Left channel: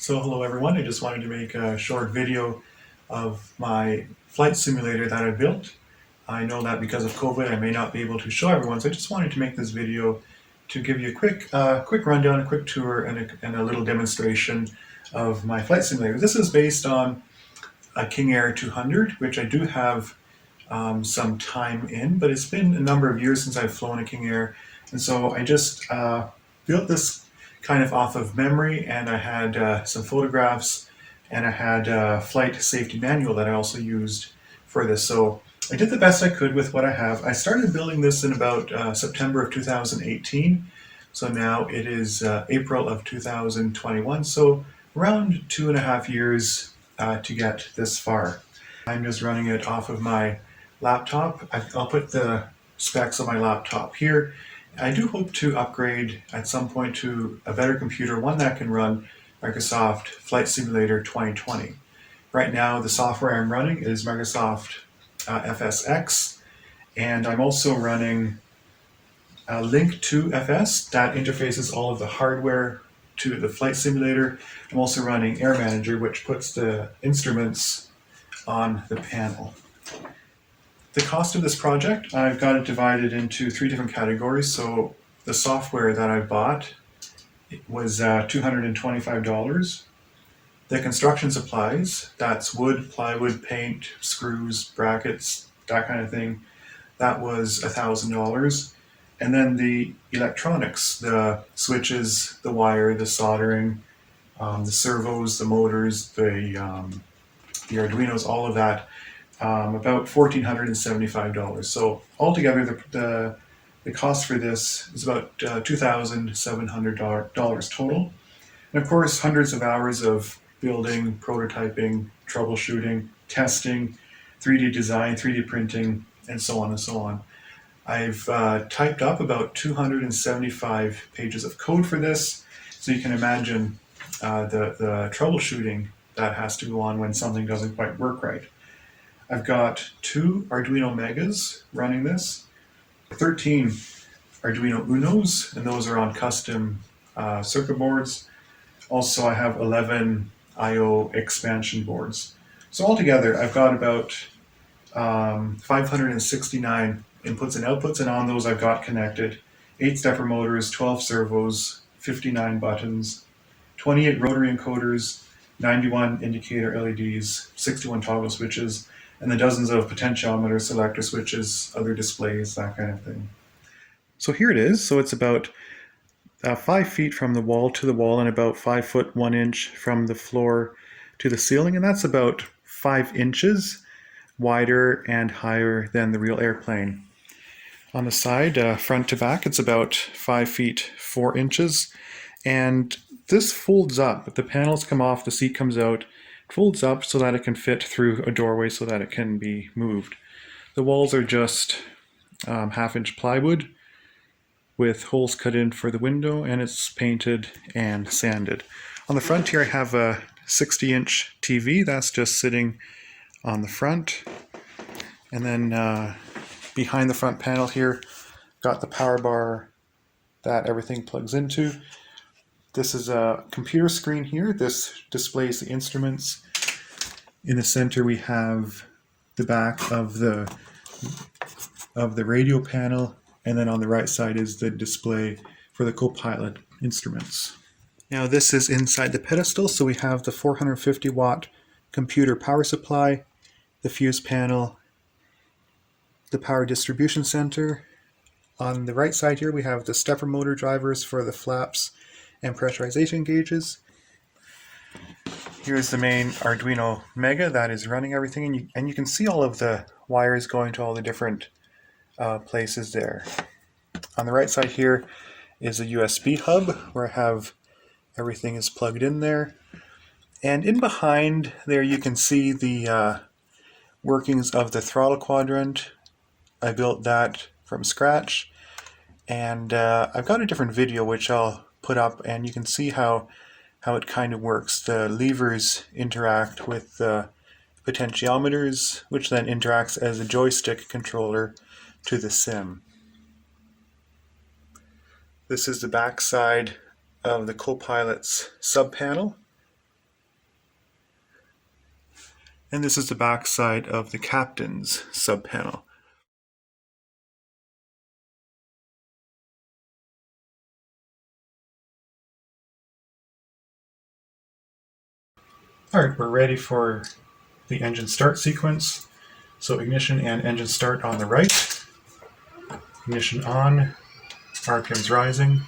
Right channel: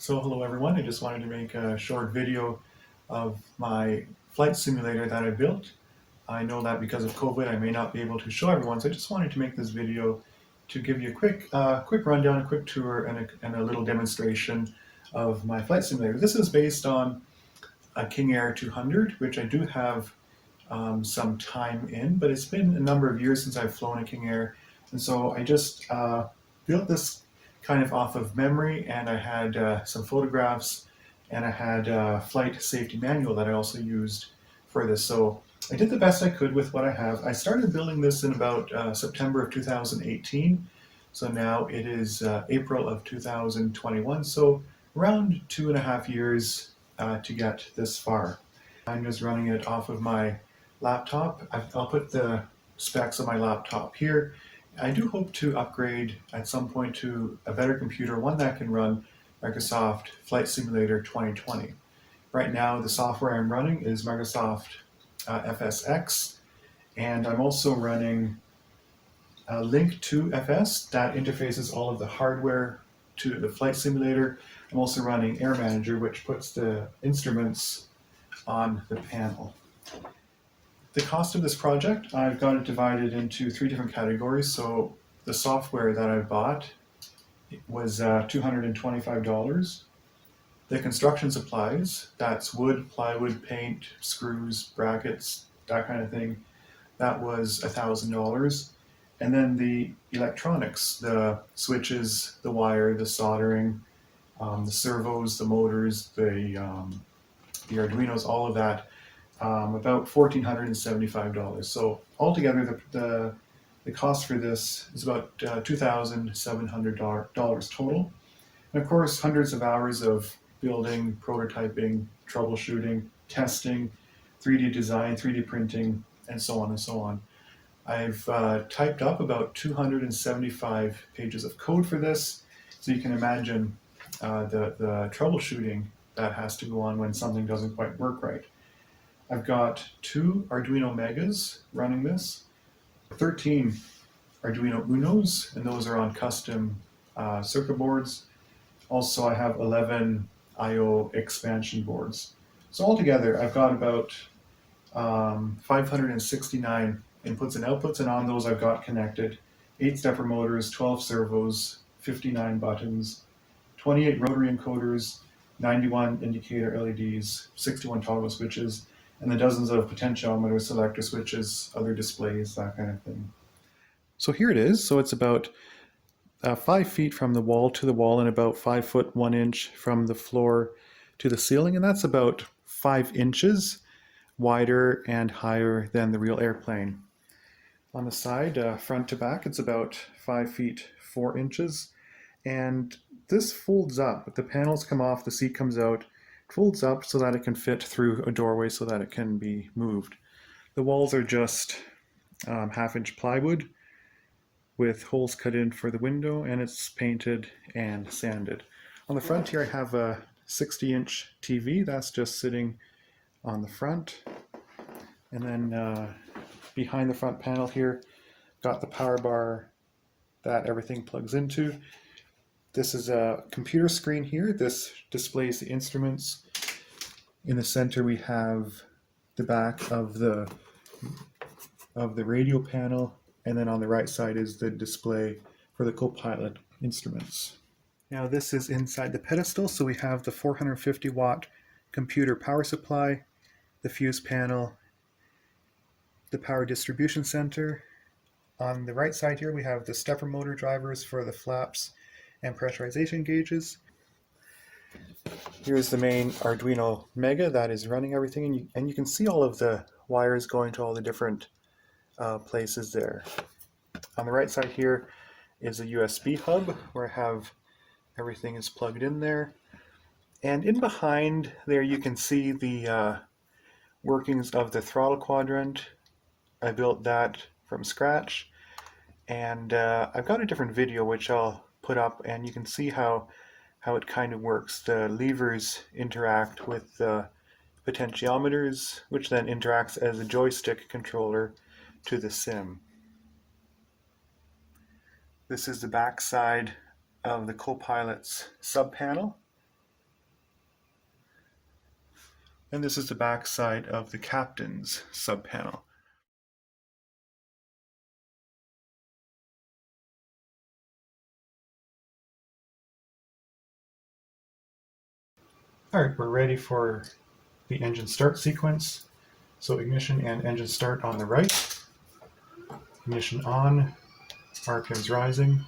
So hello everyone, I just wanted to make a short video of my flight simulator that I built. I know that because of COVID I may not be able to show everyone, so I just wanted to make this video to give you a quick rundown, a quick tour, and a little demonstration of my flight simulator. This is based on a King Air 200, which I do have some time in, but it's been a number of years since I've flown a King Air, and so I just built this kind of off of memory, and I had some photographs, and I had a flight safety manual that I also used for this. So I did the best I could with what I have. I started building this in about September of 2018, so now it is April of 2021, so around 2.5 years to get this far. I'm just running it off of my laptop. I'll put the specs on my laptop here. I do hope to upgrade at some point to a better computer, one that can run Microsoft Flight Simulator 2020. Right now, the software I'm running is Microsoft FSX, and I'm also running Link to FS that interfaces all of the hardware to the flight simulator. I'm also running Air Manager, which puts the instruments on the panel. The cost of this project, I've got it divided into 3 different categories. So the software that I bought was $225. The construction supplies, that's wood, plywood, paint, screws, brackets, that kind of thing, that was $1,000. And then the electronics, the switches, the wire, the soldering, the servos, the motors, the Arduinos, all of that, about $1,475. So altogether, the cost for this is about $2,700 total. And of course, hundreds of hours of building, prototyping, troubleshooting, testing, 3D design, 3D printing, and so on and so on. I've typed up about 275 pages of code for this, so you can imagine the troubleshooting that has to go on when something doesn't quite work right. I've got 2 Arduino Megas running this, 13 Arduino Unos, and those are on custom circuit boards. Also, I have 11 I/O expansion boards. So altogether, I've got about 569 inputs and outputs, and on those I've got connected 8 stepper motors, 12 servos, 59 buttons, 28 rotary encoders, 91 indicator LEDs, 61 toggle switches, and the dozens of potentiometers, selector switches, other displays, that kind of thing. So here it is. So it's about 5 feet from the wall to the wall and about 5 foot 1 inch from the floor to the ceiling, and that's about 5 inches wider and higher than the real airplane. On the side, front to back, it's about 5 feet 4 inches, and this folds up. The panels come off, the seat comes out, it folds up so that it can fit through a doorway so that it can be moved. The walls are just half-inch plywood with holes cut in for the window, and it's painted and sanded. On the front here I have a 60-inch TV that's just sitting on the front, and then behind the front panel here got the power bar that everything plugs into. This is a computer screen here. This displays the instruments. In the center we have the back of the radio panel, and then on the right side is the display for the co-pilot instruments. Now this is inside the pedestal, so we have the 450 watt computer power supply, the fuse panel, the power distribution center. On the right side here we have the stepper motor drivers for the flaps and pressurization gauges. Here's the main Arduino Mega that is running everything, and you can see all of the wires going to all the different places there. On the right side here is a USB hub where I have everything is plugged in there, and in behind there you can see the workings of the throttle quadrant. I built that from scratch, and I've got a different video which I'll put up, and you can see how it kind of works. The levers interact with the potentiometers, which then interacts as a joystick controller to the sim. This is the back side of the co-pilot's sub panel. And this is the back side of the captain's subpanel. Alright, we're ready for the engine start sequence. So ignition and engine start on the right. Ignition on, RPMs rising,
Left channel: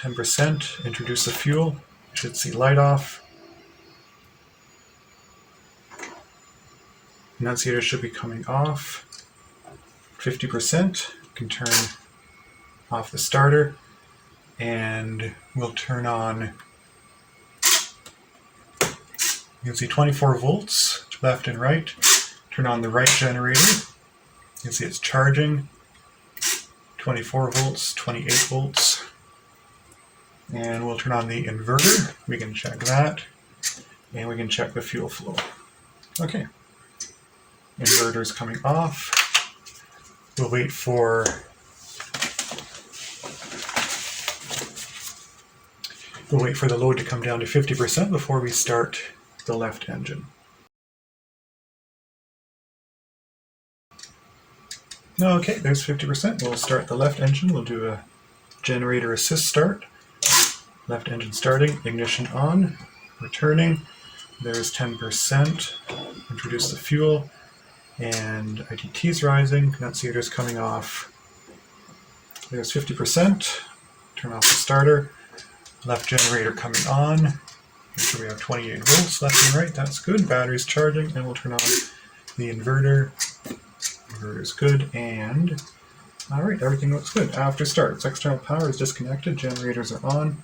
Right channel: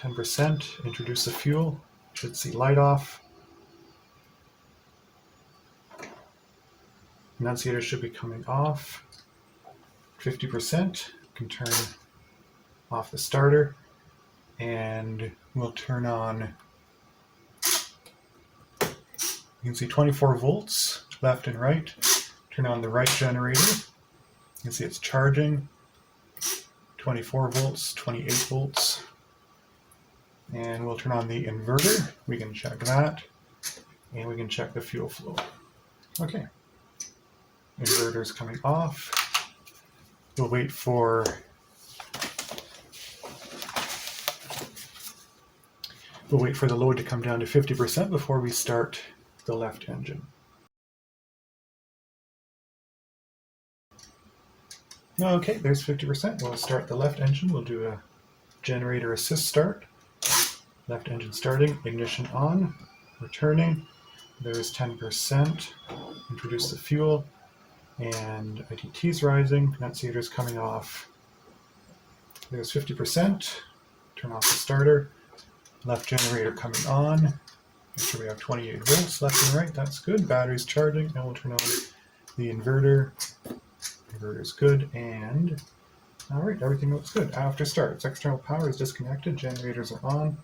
10%, introduce the fuel, you should see light off. Annunciator should be coming off, 50%, you can turn off the starter, and we'll turn on, you can see 24 volts, left and right. Turn on the right generator, you can see it's charging, 24 volts, 28 volts. And we'll turn on the inverter, we can check that, and we can check the fuel flow. Okay, inverter's coming off. We'll wait for the load to come down to 50% before we start the left engine. Okay, there's 50%. We'll start the left engine. We'll do a generator assist start. Left engine starting, ignition on, returning. There's 10%. Introduce the fuel, and ITT's rising. Annunciator's coming off. There's 50%. Turn off the starter. Left generator coming on. Make sure we have 28 volts left and right. That's good. Battery's charging, and we'll turn on the inverter. Inverter's good, and alright, everything looks good. After start, external power is disconnected. Generators are on.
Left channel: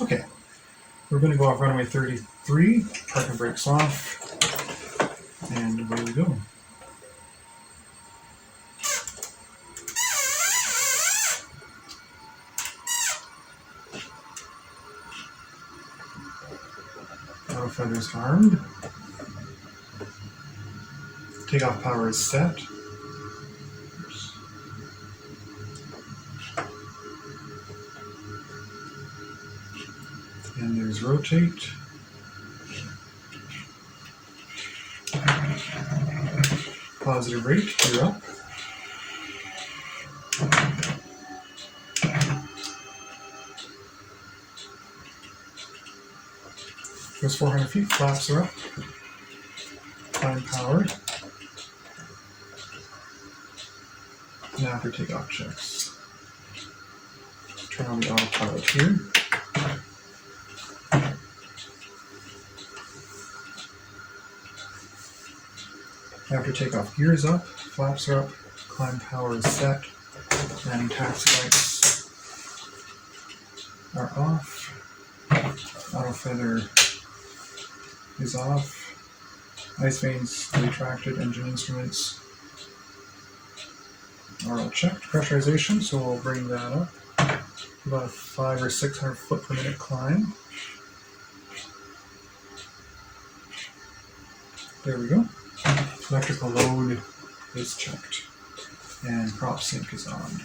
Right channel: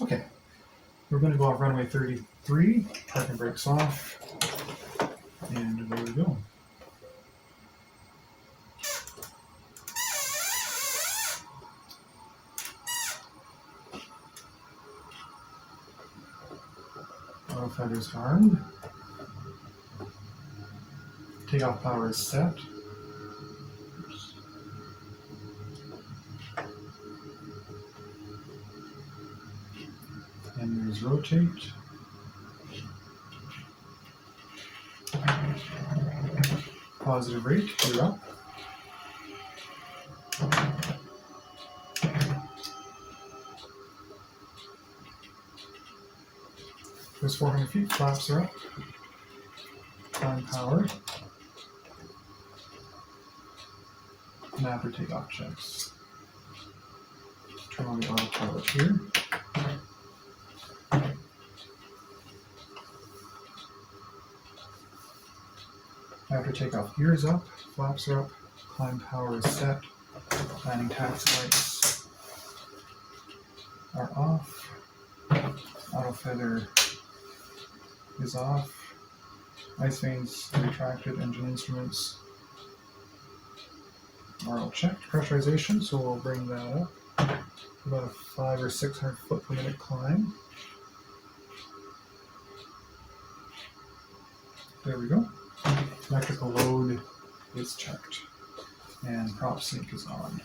Okay, we're going to go off runway 33, parking brakes off, and away we go. Auto feathers armed. Takeoff power is set. And there's rotate. Positive rate, you're up. Goes 400 feet, flaps are up. Climb power. And after takeoff checks. Turn on the autopilot here. After takeoff, gears up, flaps are up, climb power is set, landing taxi lights are off, auto feather is off, ice vanes retracted, engine instruments are all checked, pressurization, so we'll bring that up, about a 500 or 600 foot per minute climb. There we go. Electrical load is checked, and prop sync is on.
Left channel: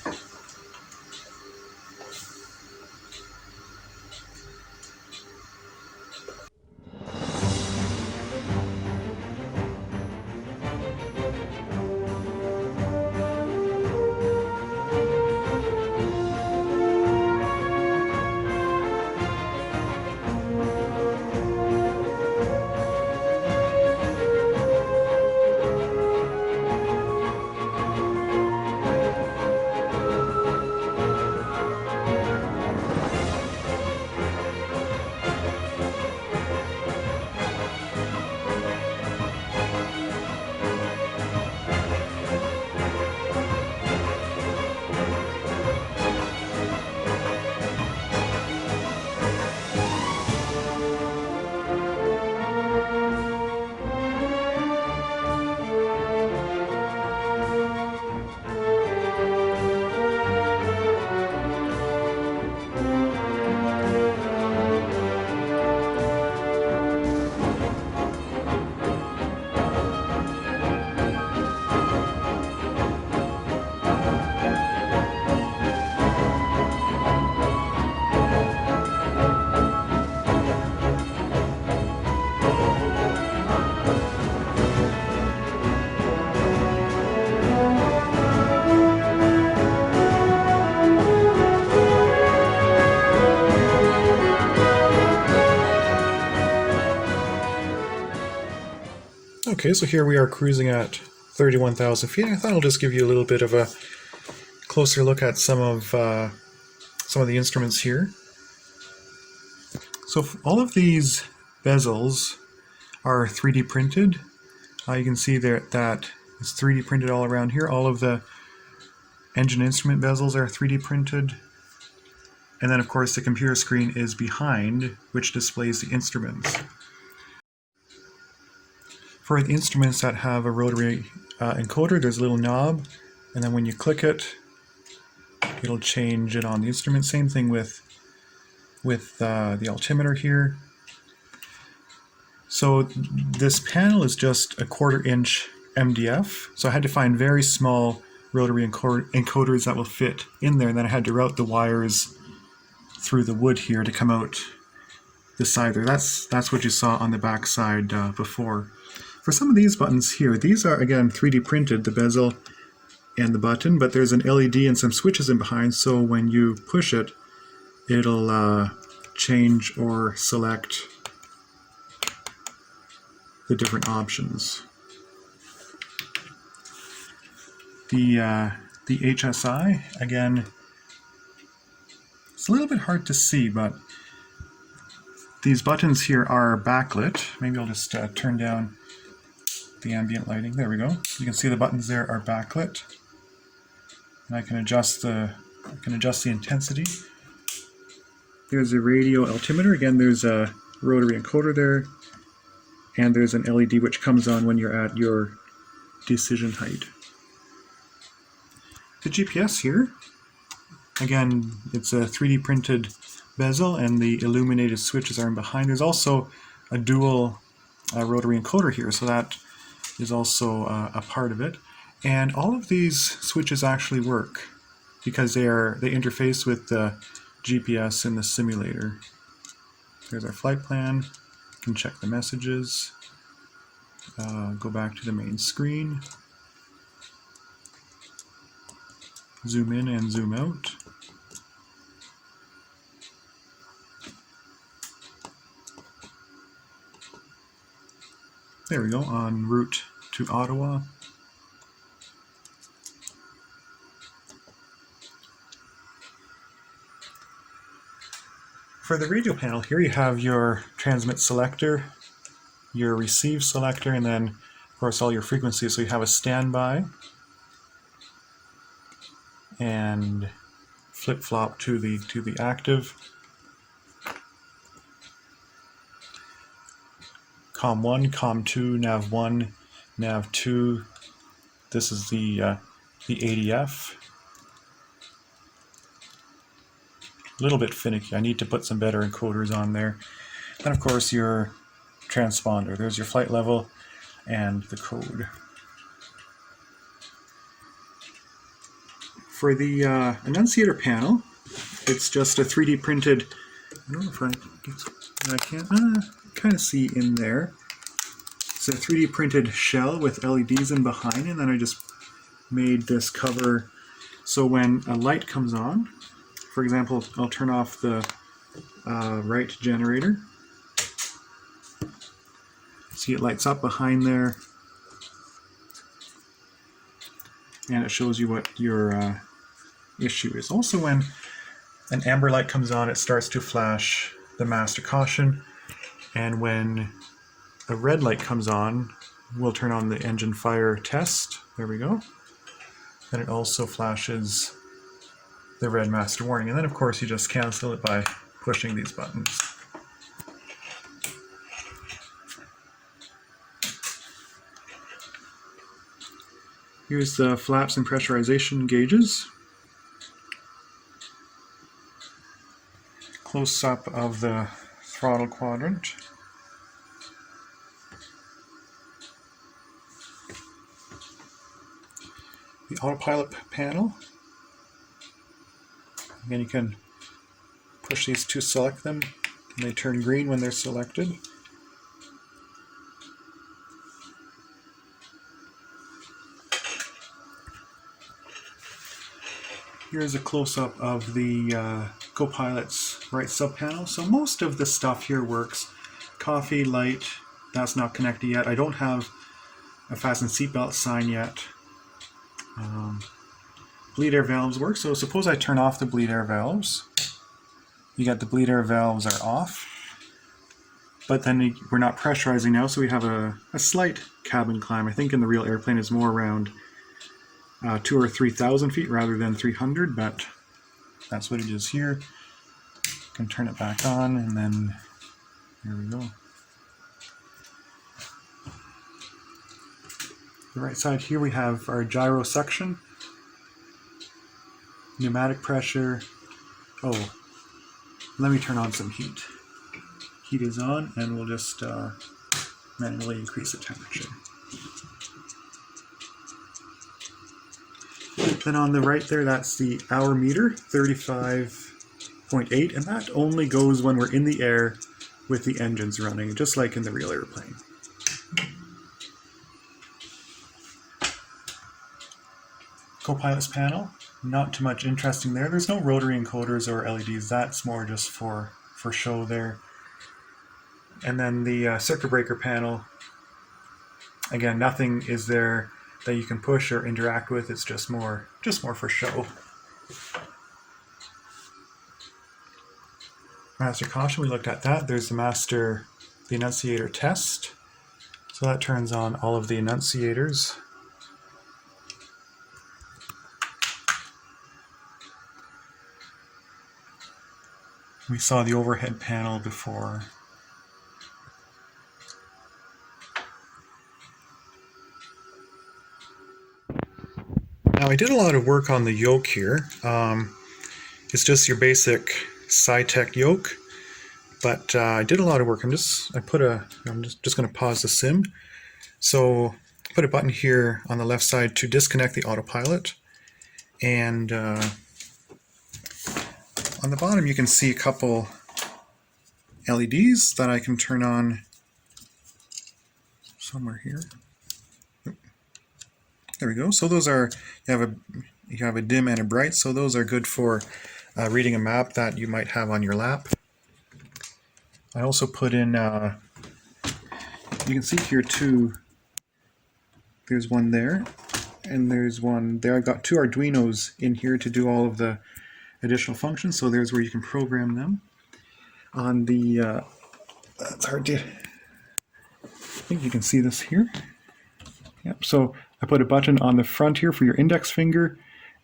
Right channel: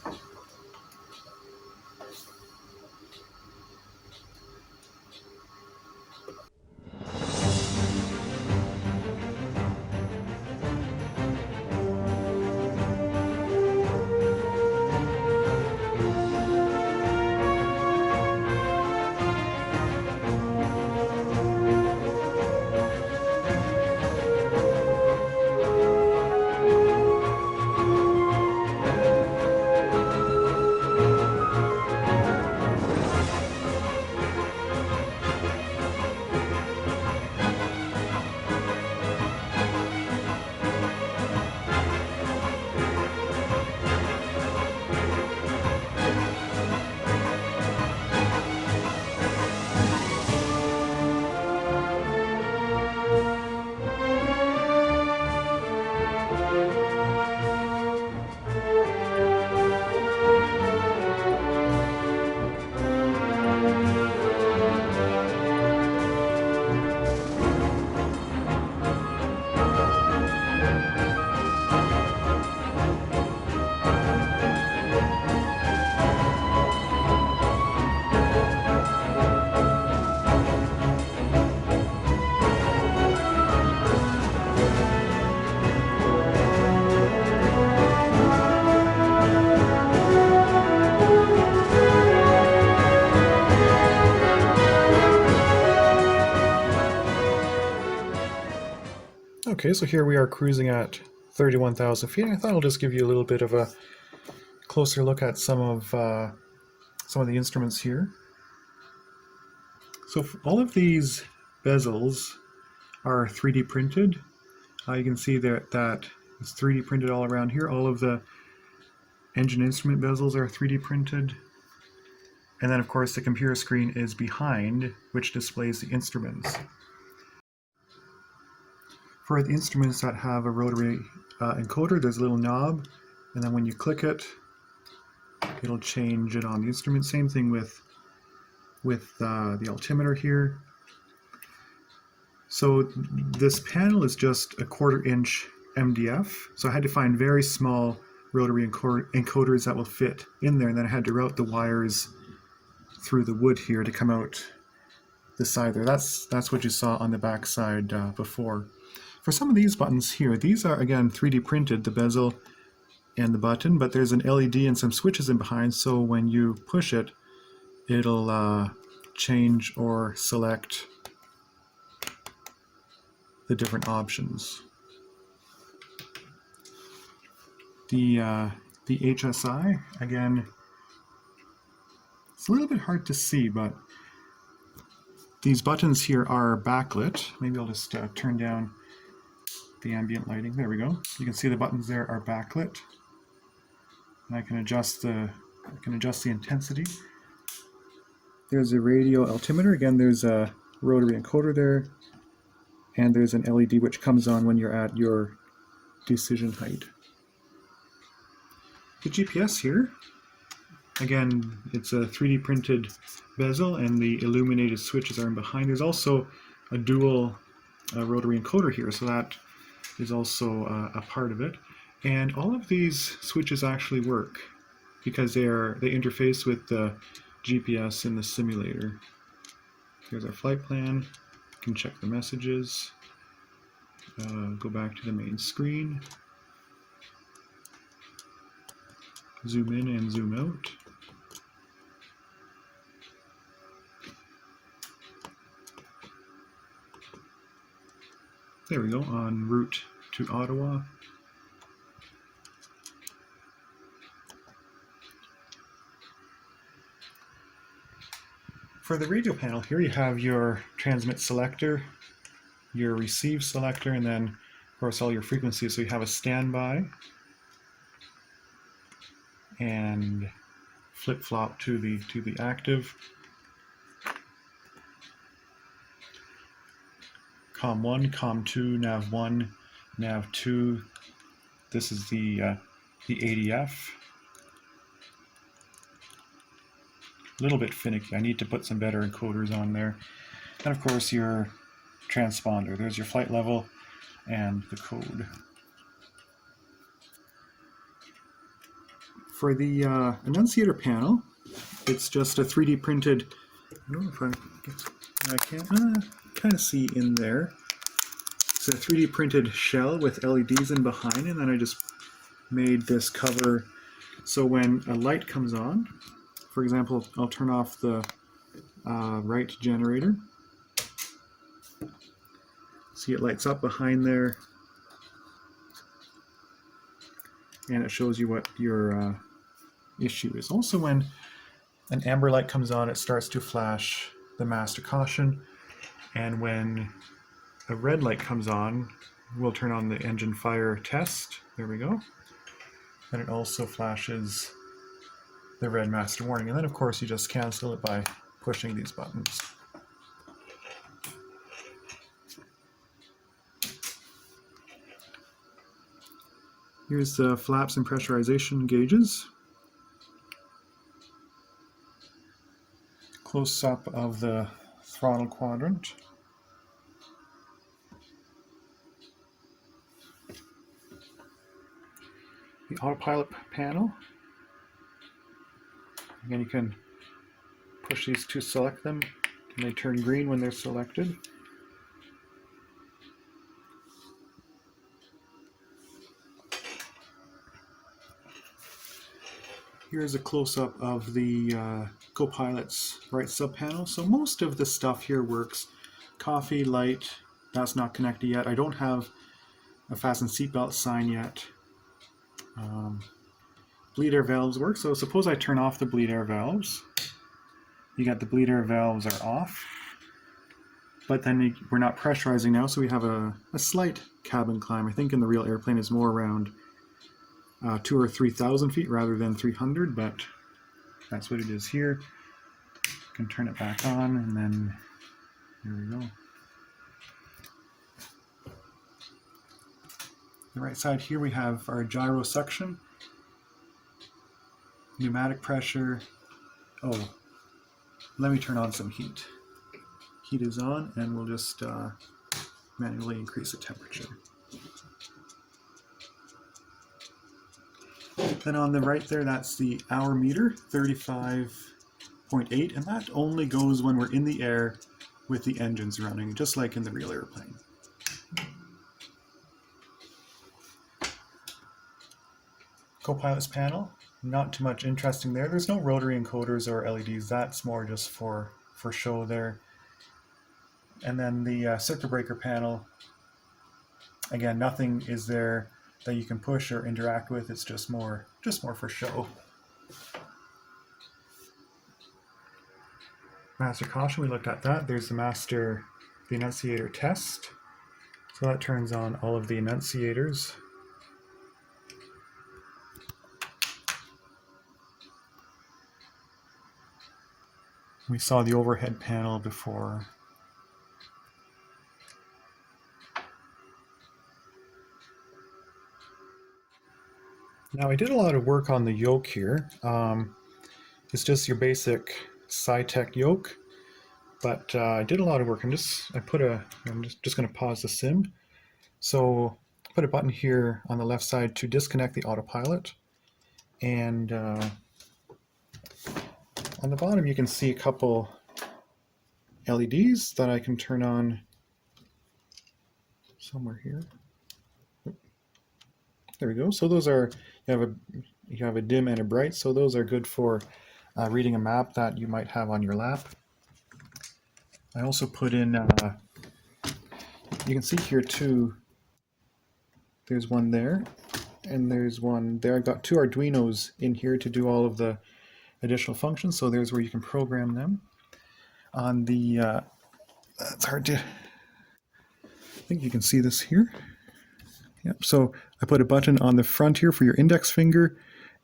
Okay, so here we are cruising at 31,000 feet. I thought I'll just give you a little bit of a closer look at some of the instruments here. So all of these bezels are 3D printed. You can see there that it's 3D printed all around here. All of the engine instrument bezels are 3D printed. And then of course the computer screen is behind, which displays the instruments. For the instruments that have a rotary encoder, there's a little knob, and then when you click it, it'll change it on the instrument. Same thing with the altimeter here. So this panel is just a 1/4 inch MDF, so I had to find very small rotary encoders that will fit in there, and then I had to route the wires through the wood here to come out the side there. That's what you saw on the back side before. For some of these buttons here, these are again 3D printed, the bezel and the button, but there's an LED and some switches in behind, so when you push it, it'll change or select the different options. The HSI, again, it's a little bit hard to see, but these buttons here are backlit. Maybe I'll just turn down the ambient lighting. There we go. You can see the buttons there are backlit, and I can adjust the intensity. There's a radio altimeter. Again, there's a rotary encoder there, and there's an LED which comes on when you're at your decision height. The GPS here, again, it's a 3D printed bezel, and the illuminated switches are in behind. There's also a dual rotary encoder here, so that is also a part of it. And all of these switches actually work because they interface with the GPS in the simulator. There's our flight plan. You can check the messages. Go back to the main screen. Zoom in and zoom out. There we go, en route to Ottawa. For the radio panel here, you have your transmit selector, your receive selector, and then of course all your frequencies. So you have a standby and flip-flop to the active. COM1, COM2, NAV1, NAV2. This is the ADF. A little bit finicky. I need to put some better encoders on there. And of course your transponder. There's your flight level and the code. For the annunciator panel, it's just a 3D printed. I don't know if I can't kind of see in there. It's a 3D printed shell with LEDs in behind, and then I just made this cover so when a light comes on, for example, I'll turn off the right generator. See, it lights up behind there, and it shows you what your issue is. Also, when an amber light comes on, it starts to flash the master caution, and when a red light comes on, we'll turn on the engine fire test. There we go. Then it also flashes the red master warning, and then of course you just cancel it by pushing these buttons. Here's the flaps and pressurization gauges. Close up of the throttle quadrant. The autopilot panel. Again, you can push these to select them, and they turn green when they're selected. Here's a close-up of the co-pilot's right sub-panel. So most of the stuff here works. Coffee, light, that's not connected yet. I don't have a fasten seatbelt sign yet. Bleed air valves work, so suppose I turn off the bleed air valves. You get the bleed air valves are off, but then we're not pressurizing now, so we have a slight cabin climb. I think in the real airplane is more around 2,000 or 3,000 feet rather than 300, but that's what it is here. Can turn it back on, and then there we go. The right side here we have our gyro section, pneumatic pressure. Oh, let me turn on some heat. Heat is on, and we'll just manually increase the temperature. Then on the right there, that's the hour meter, 35.8, and that only goes when we're in the air with the engines running, just like in the real airplane. Co-pilot's panel, not too much interesting there. There's no rotary encoders or LEDs, that's more just for show there. And then the circuit breaker panel, again, nothing is there that you can push or interact with, it's just more for show. Master caution, we looked at that. There's the enunciator test. So that turns on all of the enunciators. We saw the overhead panel before. Now I did a lot of work on the yoke here. It's just your basic SciTech yoke, but I did a lot of work. I'm just going to pause the sim. So put a button here on the left side to disconnect the autopilot, and on the bottom you can see a couple LEDs that I can turn on somewhere here. There we go. So those are, you have a dim and a bright, so those are good for reading a map that you might have on your lap. I also put in, you can see here too, there's one there, and there's one there. I've got two Arduinos in here to do all of the additional functions, so there's where you can program them. On the, it's hard to, I think you can see this here. Yep, so I put a button on the front here for your index finger,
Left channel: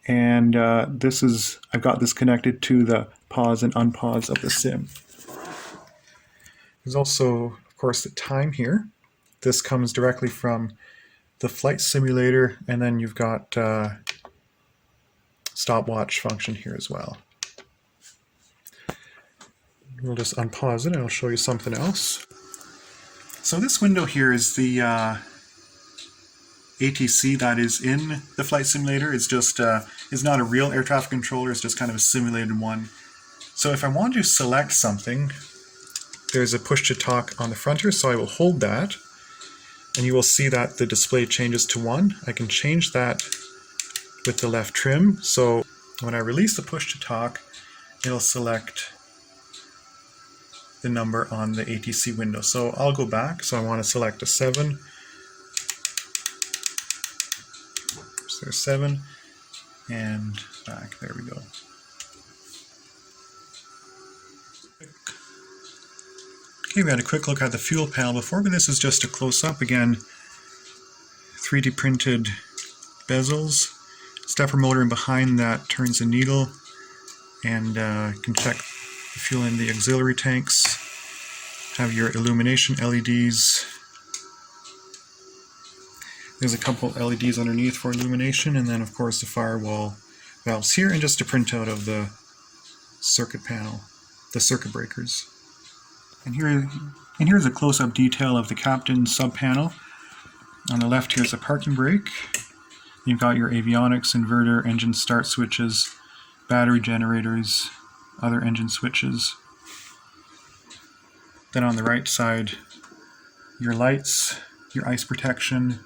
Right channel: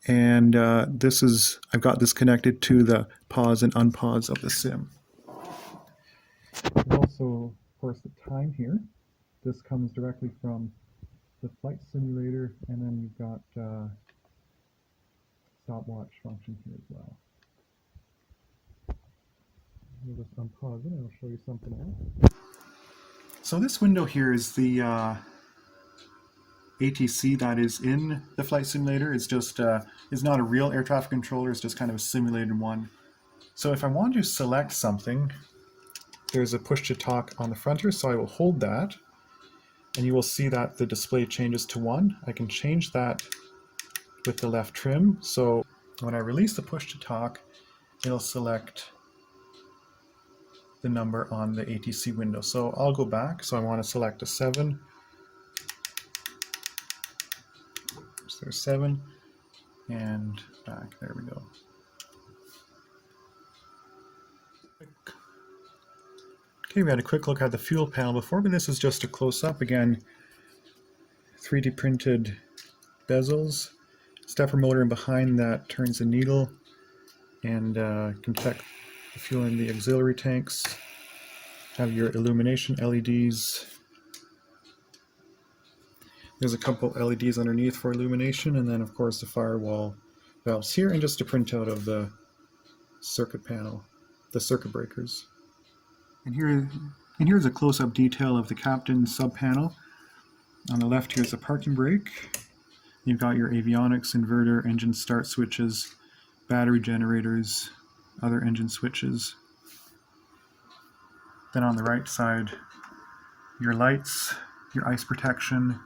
and I've got this connected to the pause and unpause of the sim. There's also, of course, the time here. This comes directly from the flight simulator, and then you've got stopwatch function here as well. We'll just unpause it and I'll show you something else. So this window here is the ATC that is in the flight simulator. It's just is not a real air traffic controller, it's just kind of a simulated one. So if I want to select something, there's a push to talk on the front here, so I will hold that, and you will see that the display changes to 1. I can change that with the left trim, so when I release the push to talk, it'll select the number on the ATC window. So I'll go back, so I want to select a 7. So there's 7, and back, there we go. Okay, we had a quick look at the fuel panel before, but this is just a close-up. Again, 3D printed bezels, stepper motor in behind that turns the needle, and you can check the fuel in the auxiliary tanks. Have your illumination LEDs. There's a couple LEDs underneath for illumination, and then of course the firewall valves here, and just a printout of the circuit panel, the circuit breakers. And here's a close-up detail of the captain sub-panel. On the left here's a parking brake. You've got your avionics, inverter, engine start switches, battery generators, other engine switches. Then on the right side, your lights, your ice protection,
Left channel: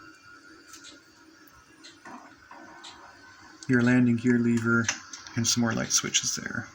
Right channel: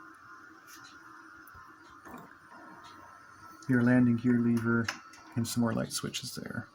your landing gear lever, and some more light switches there.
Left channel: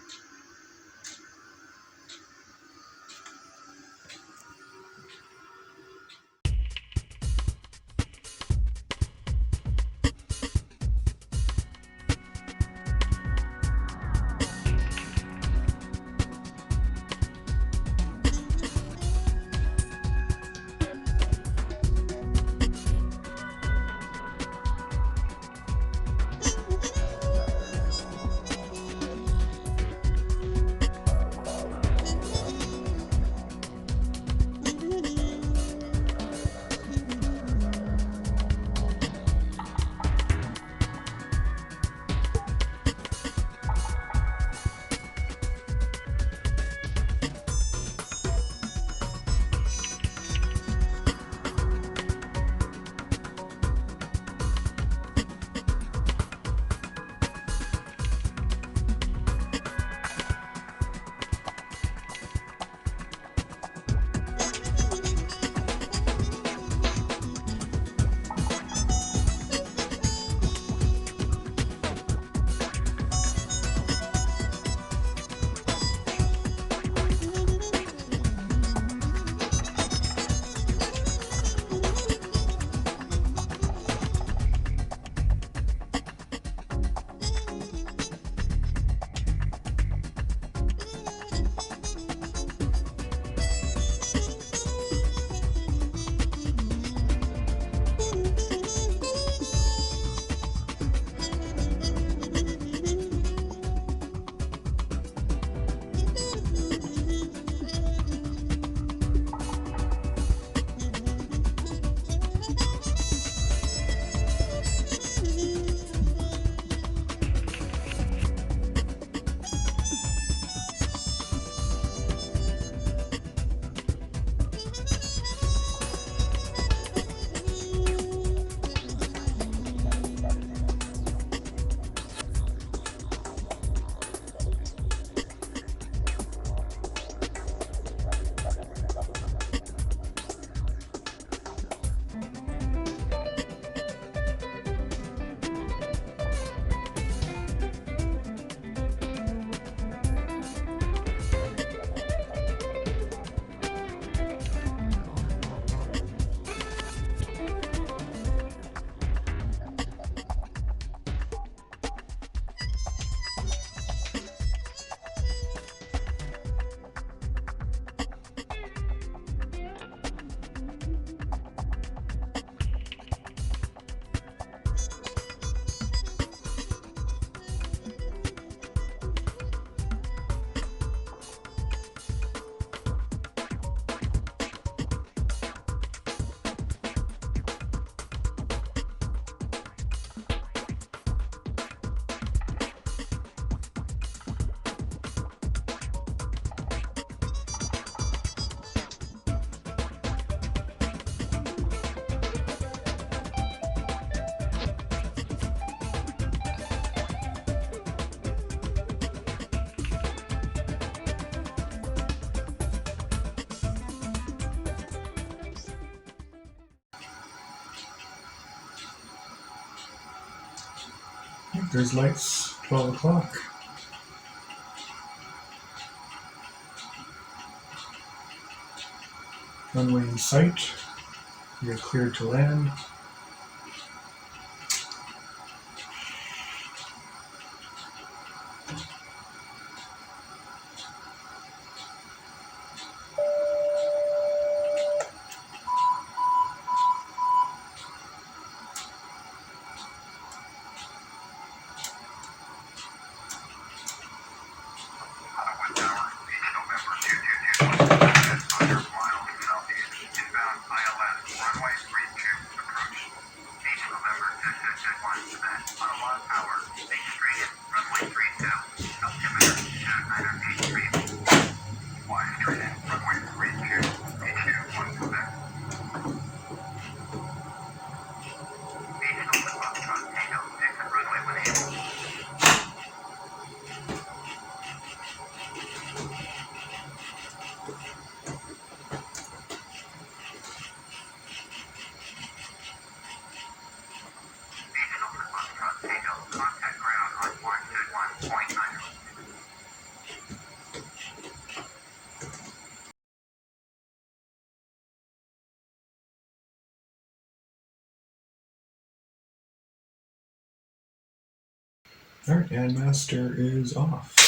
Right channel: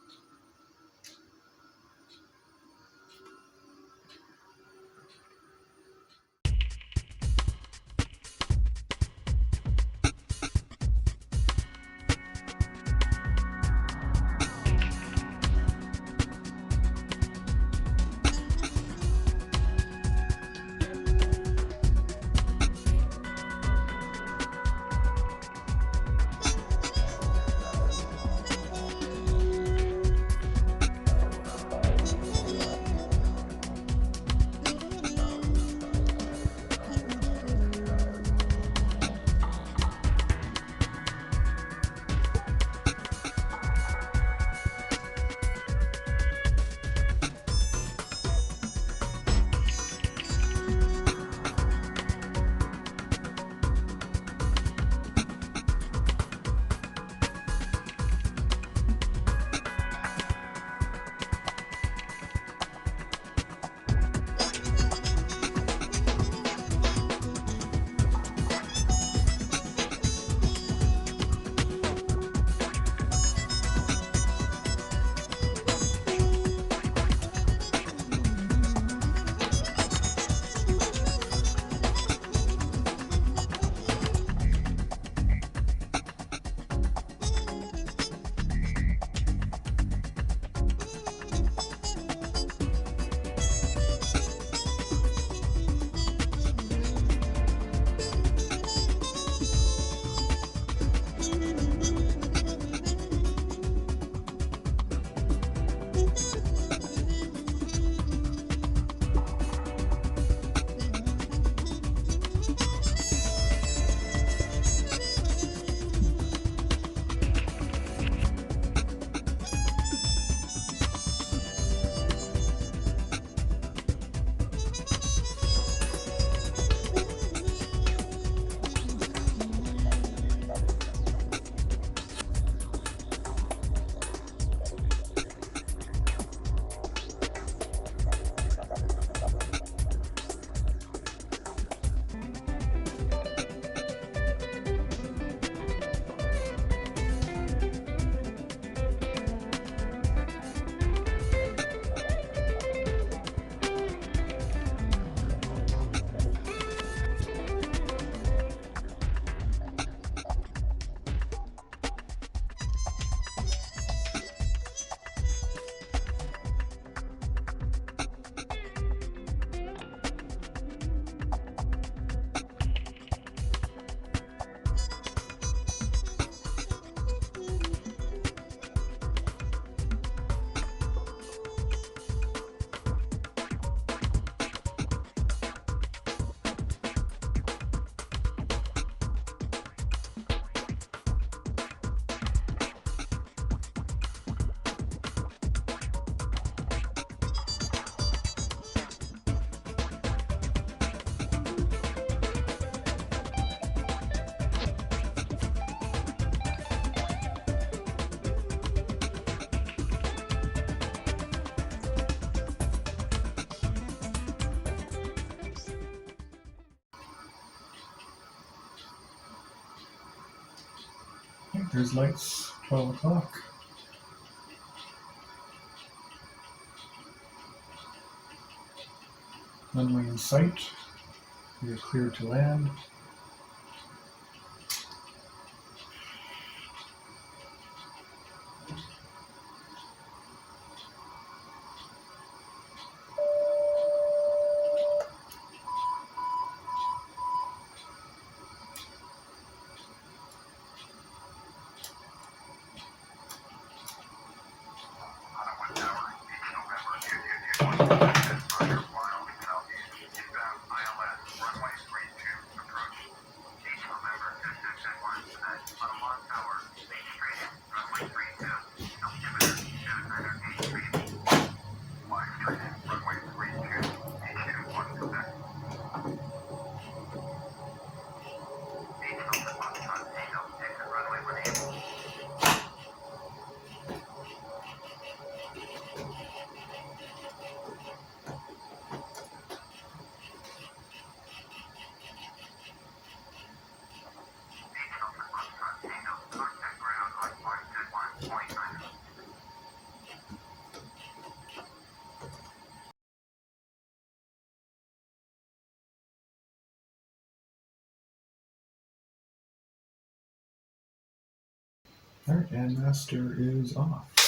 there's lights, 12 o'clock. Runway in sight. We are cleared to land. Alright, and master is off.